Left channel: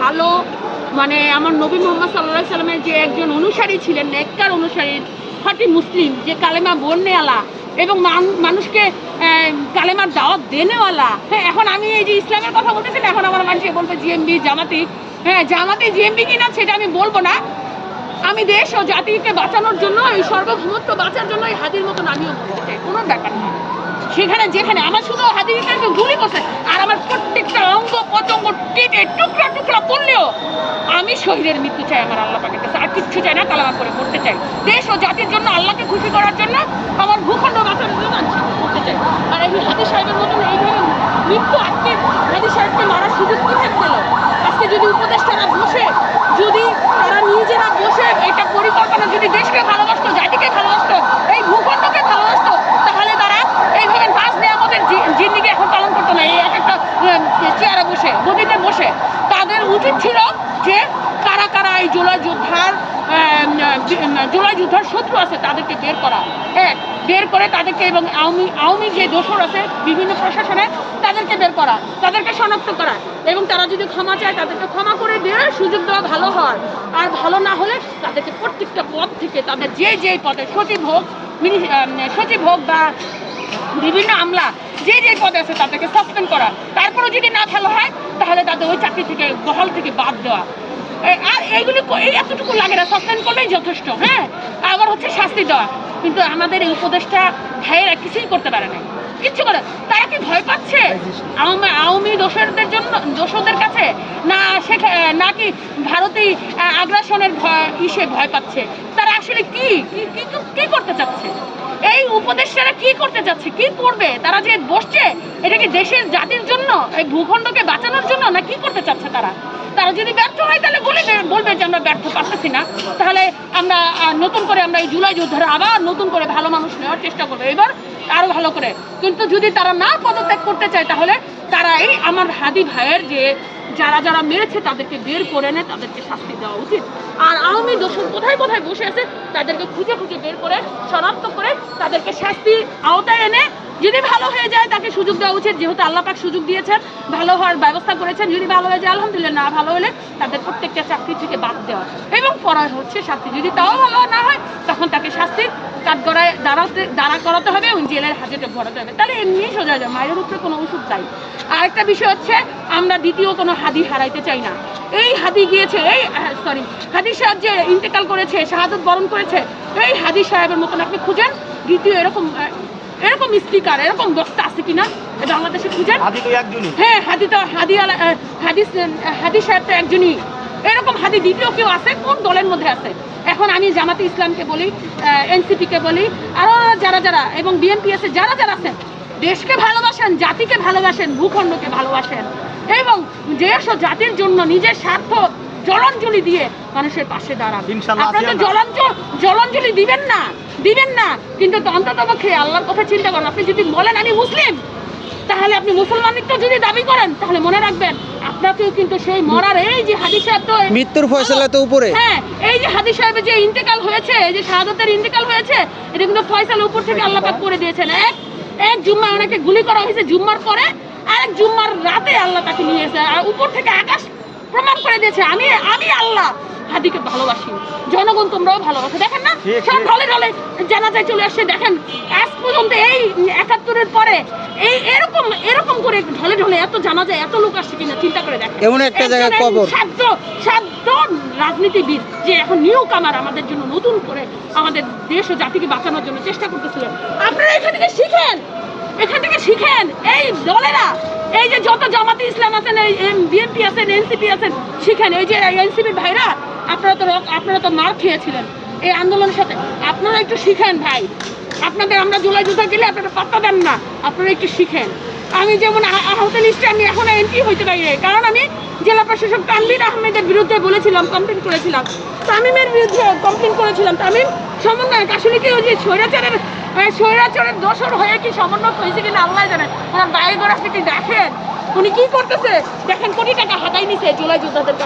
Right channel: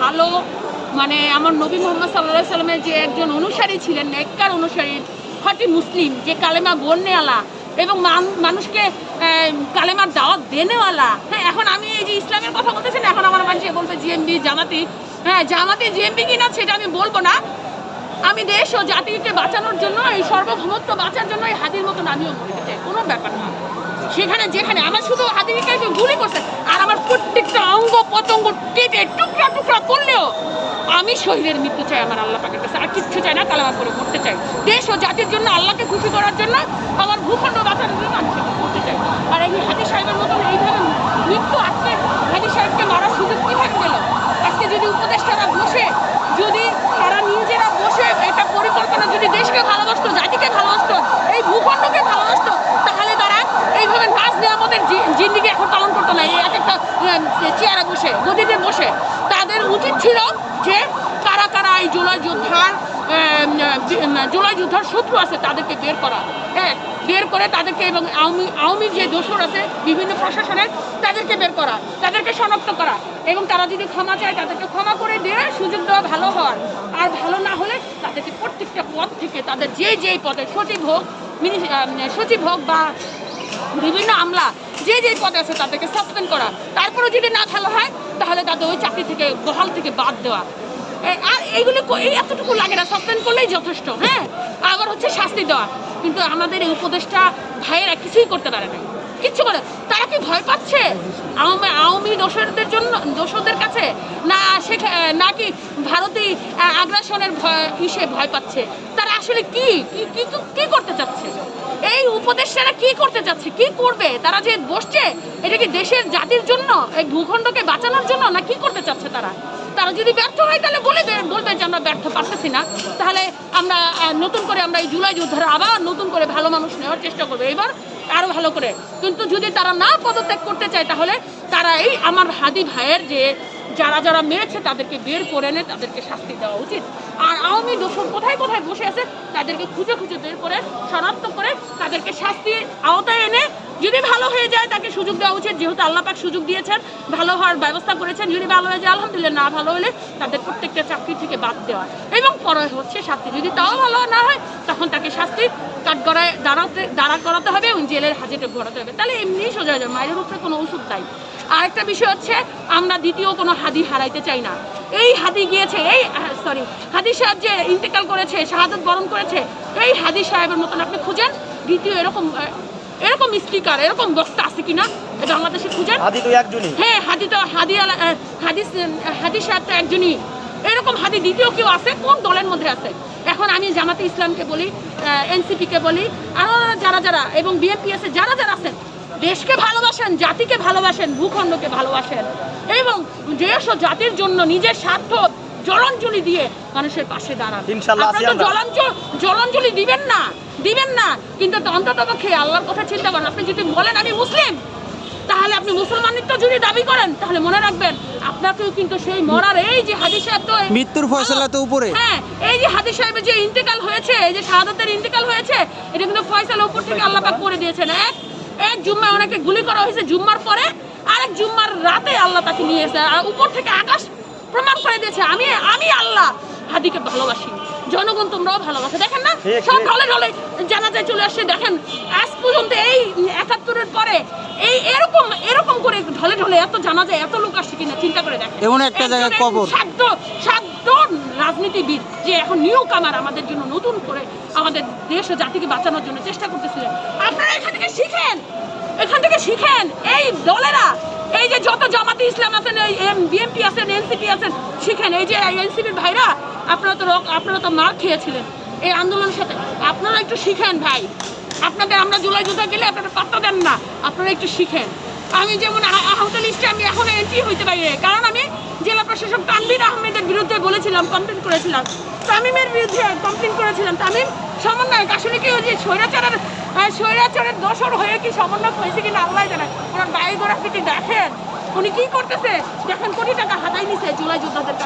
ভালো, মানে আমার নবী মোহাম্মদ সাল্লাল্লাহু আলাইহি সাল্লামের যে একজন অনুসারী ছিলেন, নেককার অনুসারী, খাঁটি মুসলিম, যে কালেমা বলনেওয়ালা এবং মানুষকে কালেমার দাওয়াত দেনেওয়ালা। হ্যাঁ, এখন আমি এই যে ইসলামের কথা বলতেছি না, এখন আমার মানুষ বলবে জিএমবি, জামাতি। হ্যাঁ, জামাতি জিএমবি কিনা সেটা আমি বলবো না। আমি দেশ ও জাতিকে বাঁচানোর জন্য, এই সার্বভৌমত্ব বাঁচার জন্য এই হাদির মতন আমিও বলতে চাই, কোনো ব্যাপার না। সেখানে যেখানে আমার শুধু হাদিকে গুলি করছে আর আমার প্রত্যেকটা অঙ্গ প্রত্যঙ্গ কেটে টুকরা টুকরা করলেও আমি শহীদের মৃত্যু চাই আমার আল্লাহ পাকের কাছে, আর কিচ্ছু চাই না। কালেমা করে মরতে চাই দেশ ও জাতির জন্য, আল্লাহকে খুশি করার জন্য, আমার ভূখণ্ড বাঁচানোর জন্য আমি করতে চাই। আর এই হাদি সাহেবের মতন এইভাবে মৃত্যু, আজকে হাদি সাহেবকে মারার সুযোগ কীভাবে পেল? আজকে যদি উপদেষ্টারা বসে, যদি তারা নিজেরা বসে এটা পরিকল্পনা, যদি দেশকে ভালোবাসতো, জাতিকে ভালোবাসতো, এই ভূখণ্ডকে ভালোবাসতো, তাহলে তারা এইভাবে নাচ নিয়ে আমাদের জিন্দিগি এখন পালন করতো না। এই এক একটা চেয়ারে বসে, গদিতে বসে। তাদের উচিত ছিল যে কারা কারা এই জুলাই যুদ্ধার শত্রু আছে তাদেরকে বের করা, বের করে তাদেরকে, এবং আওয়ামী যে দোসর আছে বিভিন্ন প্রশাসনের, তাদেরকে বের করা, তাদেরকে শনাক্ত করা, এবং তারা যদি ক্ষমা চায় তাদেরকে ক্ষমা করে দিয়ে সুযোগ দেওয়া ভালো হয়। আর ভালো না হলে তাদেরকে প্রত্যেকটা পদ থেকে, তাদের যে পদে সচিব হোক বা বিভিন্ন আমলা যে পদে আছে তাদেরকে সাসপেন্ড করা। তারপরে যদি না ভালো হয় তাহলে তাদের ওই চাকরি থেকে, বহাল থেকে বাদ দেওয়া। আর এইগুলি এতটুকু লাগে না, সাসপেন্ড করলেই যথেষ্ট। হ্যাঁ, আবার হচ্ছে শাস্তি দেওয়া। কিন্তু আমাদের এই উপদেশটা ভাইয়েরা কিছুই করতে পারে না, কিচ্ছু করে। তারা কি ভয় পাচ্ছে আওয়ামী দোসরদের কাছে, নাকি ভারতেই আগ্রাসনের ভয় পাচ্ছে? তারা আসলে কি করতে চাচ্ছে? এই উপদেষ্টারা কি করতে চাচ্ছে, কি করবে? তারা যে বসছে, এটা কি দেশের জাতির জন্য, এই ভূখণ্ডকে বাঁচানোর জন্য, না কি করতে চাচ্ছে তারা? তারা যদি ব্যর্থ হয় তাহলে বলবে যে আমরা ব্যর্থ, পারতেছি না। তাহলে আমরা নতুন করে আমরা এই জুলাই যোদ্ধারা আবার নতুন করে ভালো মানুষ নেওয়ার চেষ্টা করবো, এবার আরো ভালো করে। কিন্তু যদি তারা না পদত্যাগ করতে চায় তাহলে তারা এই আমার হাদি ভাইয়ের যে যারা মেরেছে তাদেরকে বের করে এনে তাদেরকে শাস্তি দেওয়া উচিত। আর আওয়ামী দোষর কোথায় বসে আছে তাদেরকে খুঁজে বের করে, শনাক্ত করে তাদেরকে শাস্তির আওতায় এনে, যদি ভালো হয়ে যায় তাকে সুযোগ দেওয়া উচিত। যেহেতু আল্লাহ পাক সুযোগ দিয়েছেন, ভালো হওয়ার ব্যবস্থা করেছেন। যদি ভালো হয়ে যায় আলহামদুলিল্লাহ, না ভালো হলে তাদের প্রত্যেকটা চাকরি থেকে বাদ দেওয়া, এবং পড়া হচ্ছে শাস্তি। যদি তাও ভালো না হয় তখন তাকে শাস্তি কাঠগড়ায় দাঁড়া করাতে হবে এবং জেলের হাজতে ভরাতে হবে। তাহলে এমনিই সোজা যায়, মায়ের উপরে কোনো ওষুধ চাই। আরেকটা বিষয় হচ্ছে, আমরা দ্বিতীয় কোনো হাদি হারাইতে চাই না। এই হাদি গিয়েছে, হাদি সাহেব যে ইন্তেকাল করেছে, শাহাদত বরণ করেছে, এই হাদি সাহেবের মতন আপনি খুঁজেন দ্বিতীয় এরকম স্পিকার, এরকম বক্তা আছে কিনা বাংলাদেশে খুঁজেন। হ্যাঁ, হাদি সাহেব তো একজনই। এরকম হাদি দ্বিতীয় কেউ আছে? কোন দলের মধ্যে আছে? এখন আমি জামাতে ইসলামকে বলি, এনসিপিকে বলি, আরো যারা এবং বিএনপি আছে, যারা আছেন, দেশকে ভালোবাসেন, জাতিকে ভালোবাসেন, ভূখণ্ডকে ভালোবাসেন, এবং দেশ ও জাতির জন্য নিজের স্বার্থ জলাঞ্জলি দিয়ে মানুষের পাশে দাঁড়ান। আপনারা তো জলাঞ্জলি দিবেন না, কিন্তু অন্ততপক্ষে আল্লাহর কথা চিন্তা করেন। আপনি যদি বলেন আমি মুসলিম, তাহলে আপনি মুসলমানিত্ব যদি দাবি করেন, তাহলে মনে রাখবেন আপনাকেও কিন্তু সেই মরার, এই যে হাদি সাহেব তো মৃত্যুর ফয়সালা তো উপরে। হ্যাঁ, এই যে হাদি সাহেবের যে ইন্তেকাল হয়েছে, এই যে শাহাদাতের ইন্তেকাল হয়েছে, এটা কিন্তু ফয়সালা উপর থেকে আল্লাহ পাক করে দিয়েছেন। এক জুম্মা ওনাকে গুলি করা হয়েছে, জুম্মার পরে আরেক জুম্মার রাতে আল্লাহ তাকে নিয়ে এসে, আর উপর থেকে আকাশ প্রমাণ করে দিয়েছে আমি আল্লাহ হাদিকে ভালোবাসি, জনগণ তোমরাও ভালোবাসো। দেখেন না, সব ঢলে জানাজায় চলে আসছে। দেখেন আজ পর্যন্ত এই ৭১-এর পরে এই এরকম করে ঢলে এত জানাজায় এত লোক আসছে কিনা চিন্তা করে দেখেন। এমন একটা জায়গায় কবর সাধ্য রাজনীতিবিদ যে এখন নিউ কামার আমাদের জন্য নতুন করে আমাদের দেশ ও জাতিকে বাঁচানোর জন্য চেষ্টা করতেছিলেন। আপনারা এখান থেকে শিখেন। এই দলেরা, এই যে যত জামাতে ইসলাম আছেন, এই বিএনপি আছেন, এনসিপি আছেন, শিখেন। এই যে এনসিপির ভাইরা, আপনারা তো মার খেয়েছিলেন এই আন্দোলনের সাথে, আপনারা একটু শিখেন ভাই। আপনাদের আমরা জুলাই যুদ্ধে গেলে আপনারা পাত্তা দেন না, আপনারা একটু শিখেন। আমি যেমন আহত লিস্টে আমি এখনো এন্ট্রি হইতে পারি, কারণ আমি জেলা প্রশাসক তানভীর আহমেদের বিরুদ্ধে কমপ্লেন করেছিলাম, তামিমের বিরুদ্ধে কমপ্লেন করেছিলাম। তামিম সমন্বয়ক, আসলে কি ওই যে স্বৈরাচারের দোসর হয়ে কি সমন্বয়ক হয়েছে কিনা আল্লাহ জানে। ওনার বায়োগ্রাফিটি দেখেন, উনি কি করতেছে দেখেন, কোটি টাকা হাতাই নিছে জুলাই যোদ্ধাদের।